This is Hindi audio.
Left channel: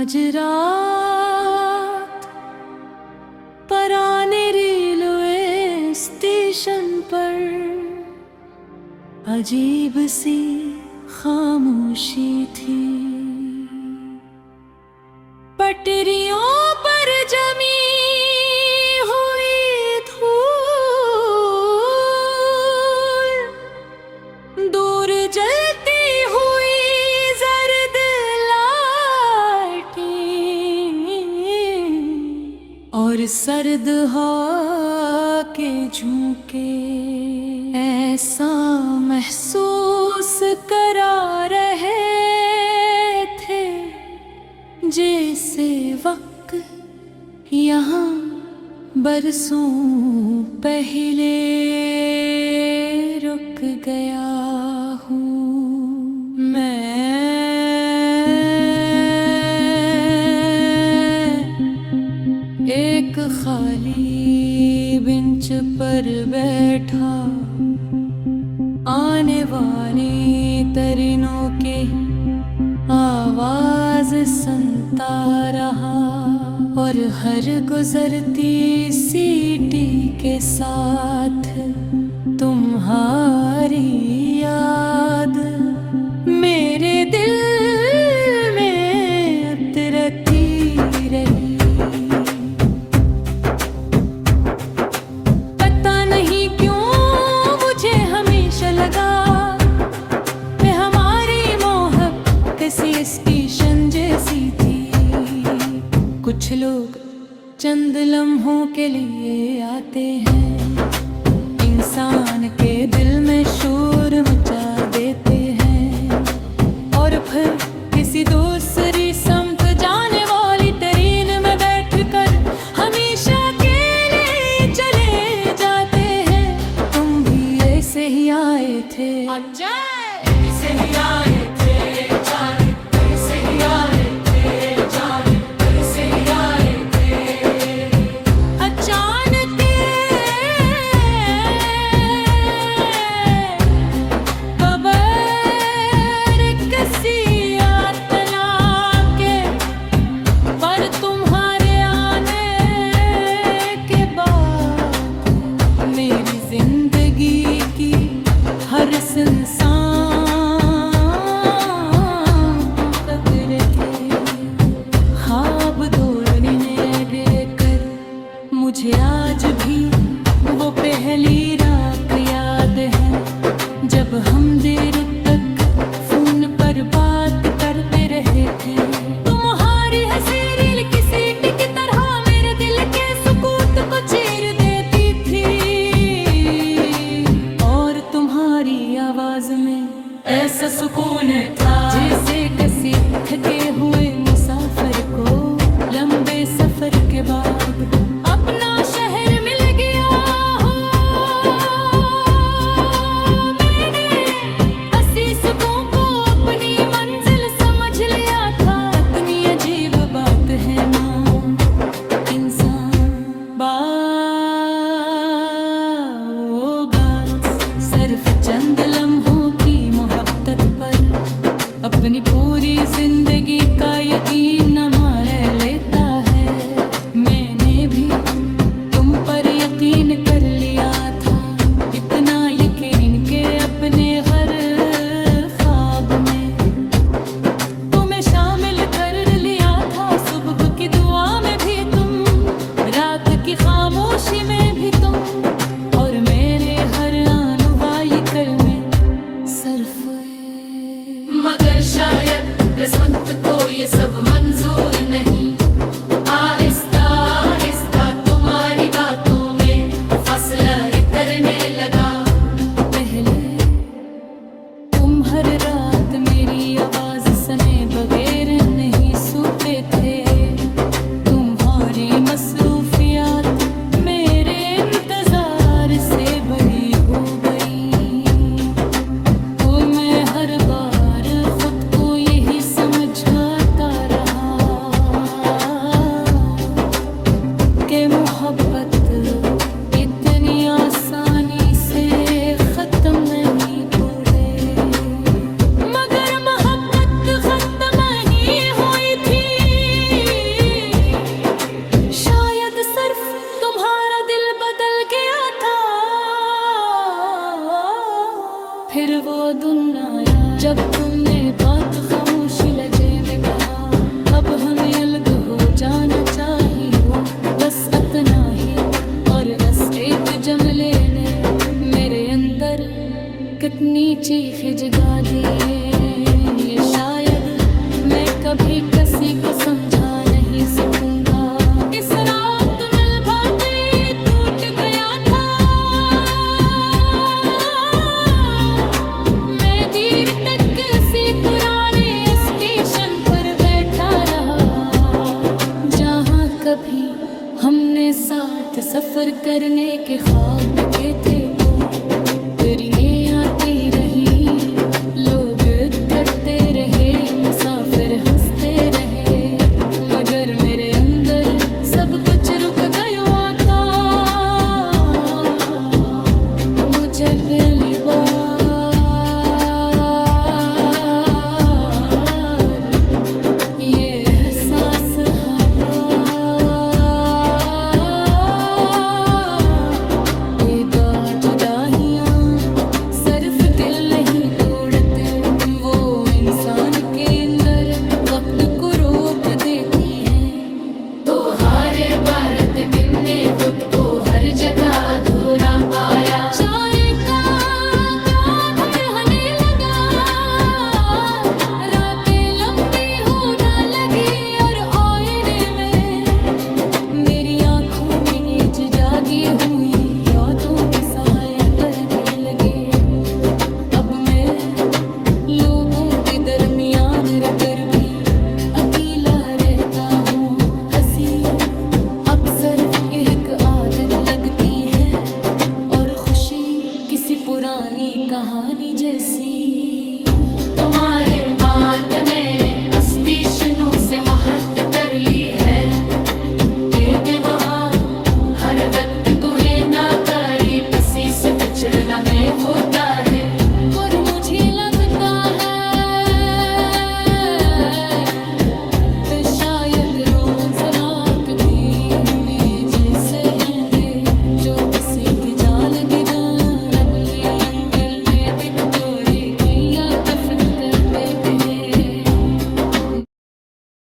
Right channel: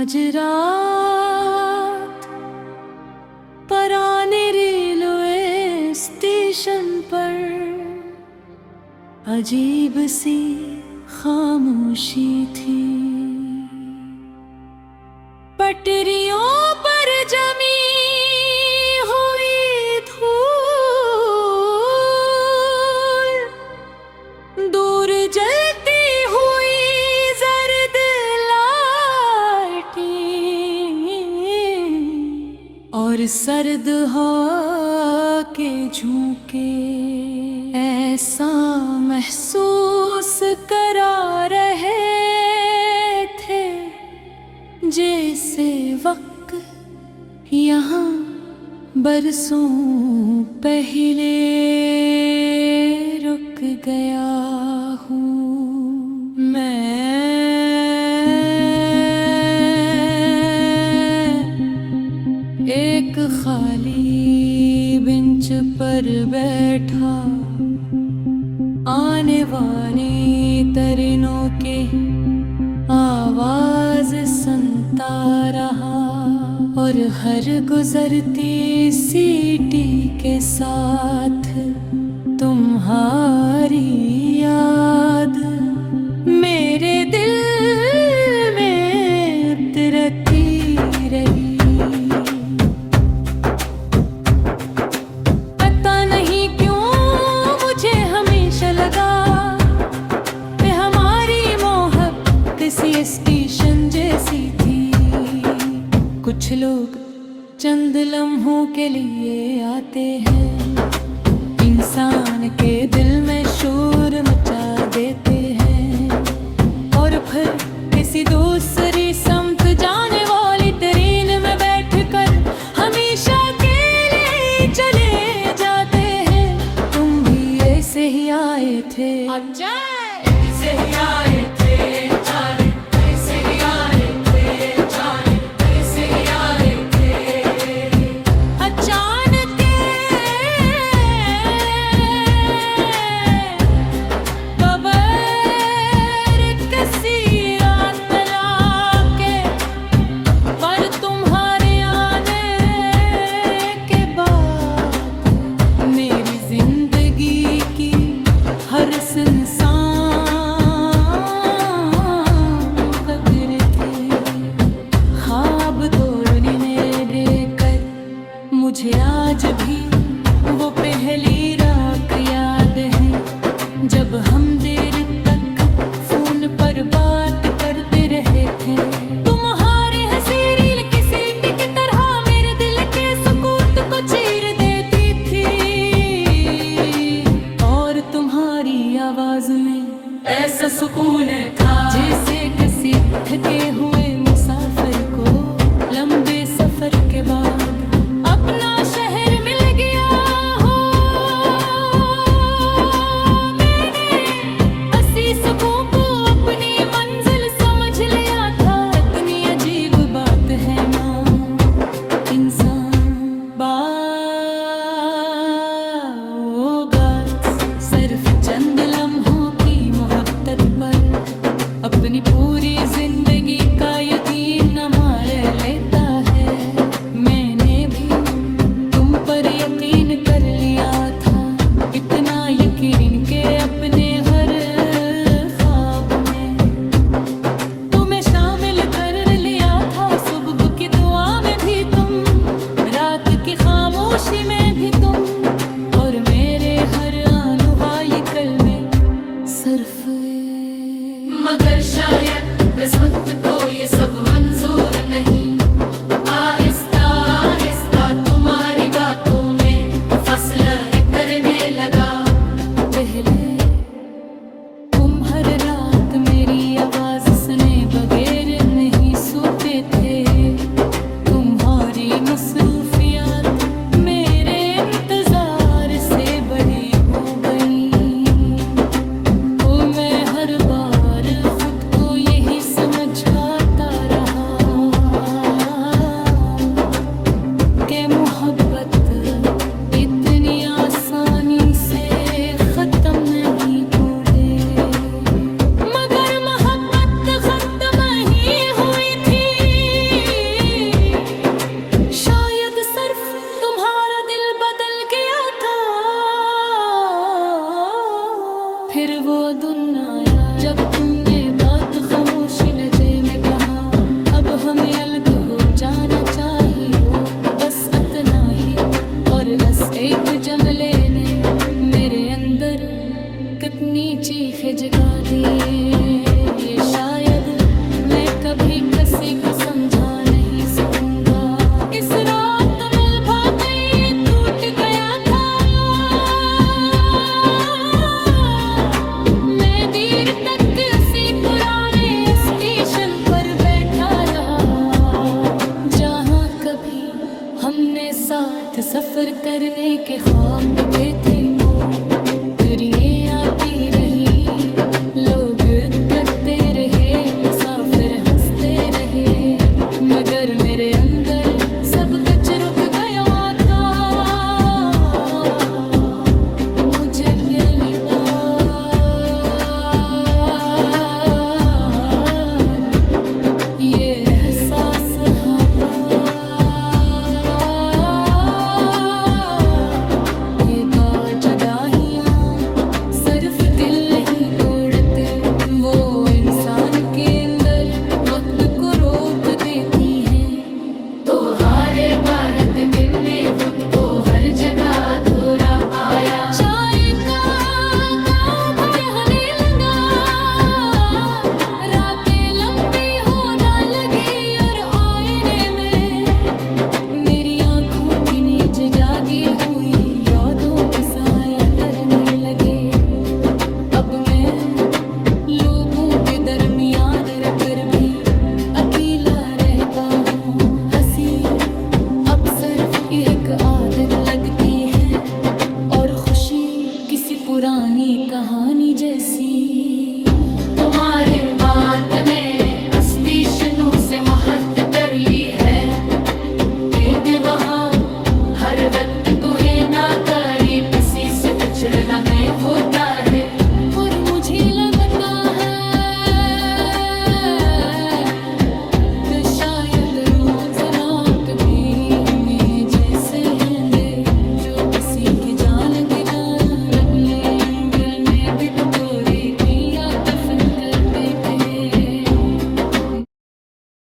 आज रात पराने रेलवे स्टेशन पर अजीब सी खामोशी थी। पटरियों पर जमी हुई धूल, दूर जलती हुई जर्द लाइटें और सर्द हवा के झोंके ऐसा महसूस करा रहे थे जैसे वक्त यहाँ बरसों पहले रुक गया हूँ मैं। एक खाली बेंच पर बैठा आने वाले तरीनों के आवाज सुनता रहा और हर गुजरती सीटी के साथ तुम्हारी याद मेरे दिल में उतरती रही। पता नहीं क्यों मुझे हमेशा लगा किसी स्टेशन जैसी थी। कुछ लोग चंद लम्हों के लिए आते हैं, इंसान के दिल में शोर मचा देते हैं और फिर किसी दूसरी समत जाने वाली ट्रेन में बैठकर हमेशा के लिए चले जाते हैं। तुम भी ऐसे ही आए थे, ऐसे ही आए थे, मुझे आज भी वो पहली रात याद है जब हम देर तक फोन पर बात करते रहे थे। तुम्हारी हंसी रील की सीटी की तरह मेरे दिल के सुकून को चीर देती थी और तुम्हारी आवाज में ऐसा सुकून था जैसे किसी थके हुए मुसाफिर को लंबे सफर के बाद अपना शहर मिल गया हो। मैंने हंसी सुकून को अपनी मंजिल समझ लिया था। इतनी अजीब बात है ना इंसान बागा सिर्फ चंद लम्हों की मोहब्बत पर अपनी पूरी जिंदगी का यकीन न मार लेता है। मैंने भी तुम पर यकीन कर लिया था, इतना यकीन के अपने हर ख्वाब में तुम्हें शामिल कर लिया था। सुबह की दुआ में भी तुम, रात की खामोशी में भी तुम और मेरे हर आने वाले कल में सिर्फ। मगर शायद किस्मत को ये सब मंजूर नहीं, आहिस्ता आहिस्ता तुम्हारी बातों में फासला करने लगा। पहले तुम हर रात मेरी आवाज सुने बगैर नहीं सोते थे। तुम्हारी मसरूफियात मेरे इंतजार से बड़ी हो गई। मैं हर बार खुद को यही समझाता रहा कि मोहब्बत इतनी आसानी से खत्म नहीं होती। मगर मोहब्बत खत्म ही हुई थी में अलग हो जाना चाहिए वो, बस इतना ही। और बस एक जमले ने मेरे अंदर कितनी चीखें जगा दी, ये शायद मैं कभी किसी को समझा नहीं सकूंगा। इस रात मिल भागी टूट गया था, मैं देर तक किसी पुराने स्टेशन पर बैठा रहा, जहां कभी हमने साथ सफर करने के ख्वाब देखे थे। वो ट्रेनें आती रही, लोग करते रहे, मुसाफिर हंसते रहे, मगर मेरे अंदर सब कुछ रुक गया था। मुझे पहली बार ये एहसास हुआ, ये जुदाइयाँ सिर्फ दिल नहीं तोड़ते, वो इंसान के अंदर वक्त को रोक देती हैं। तो हारे भारत ने खुद को हर जगह अधूरा पाया, चाय का बढ़ने लगा, रातें लंबी होने लगी और आईने में मेरी आंखों की नींद जागी हुई यादों के साए करने लगे। अब मैं लोगों के दरमियान रहकर भी अकेला रहता हूँ, हंसी अब सिर्फ एक आदत लगती है और खुशी किसी पुरानी कहानी जैसी।